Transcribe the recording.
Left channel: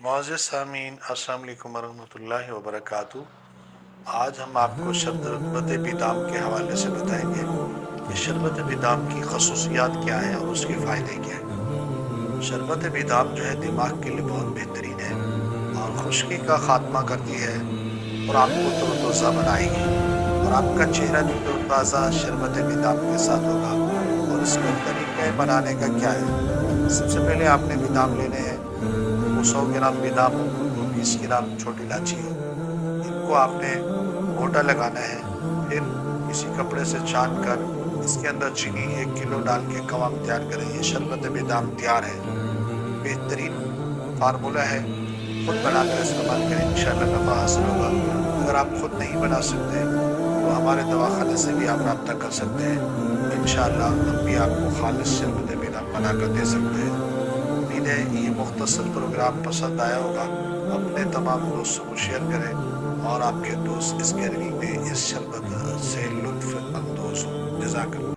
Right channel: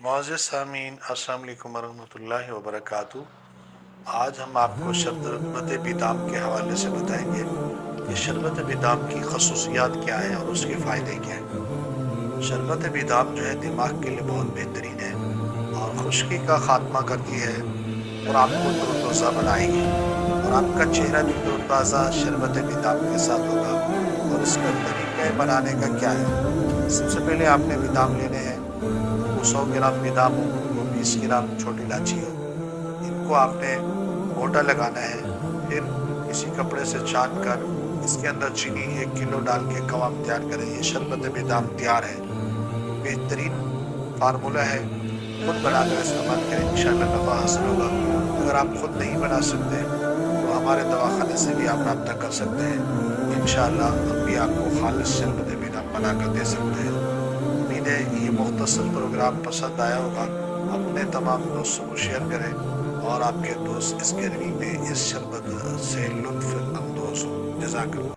معزز سامعین، السلام علیکم ورحمۃ اللہ وبرکاتہ۔ آج ہم آپ کو شربت بیدام کے حوالے سے بتائیں گے کہ شربت بیدام کی خصوصیات کیا ہیں اور اس کے فائدے کیا ہیں۔ شربت بیدام جو ہے دماغ کے لیے بہت بہترین ہے اور خشکی کا خاتمہ کرتی ہے اور آپ کو تر و تازہ بنائے گی، اور آپ کا چہرہ بھی تر و تازہ شربت بیدام کے ساتھ ہوگا۔ اور اس کا طریقہ بنانے کا کیا ہے؟ سب سے پہلے آپ نے بیدام لینے ہیں۔ وہ 100 گرام بادام ہو، وہ 20 گرام چھوٹی الائچی ہو، ان کو آپ نے گھوٹا لگانا ہے۔ پھر کسی کپڑے سے چھان کر اس کے اندر چینی 1 کلو ڈال کے قوام تیار کریں۔ یہ شربت بادام تیار ہے، بہترین فارمولہ ہے۔ خود بنا کر استعمال کریں، انشاءاللہ نفع حاصل ہوگا۔ اگر آپ خود نہیں بنا سکتے تو ہمارے دواخانے سے بھی آپ رابطہ کر سکتے ہیں، انشاءاللہ ہم بھی آپ کو خالص شربت بادام بنا کر دے سکتے ہیں۔ امید ہے یہ مختصر پروگرام پسند آیا ہوگا۔ اپنے تمام دوستوں کو شیئر کریں اور آپ کے دوست اس گرمی میں اس شربت سے لطف اندوز ہوں۔ جزاک اللہ۔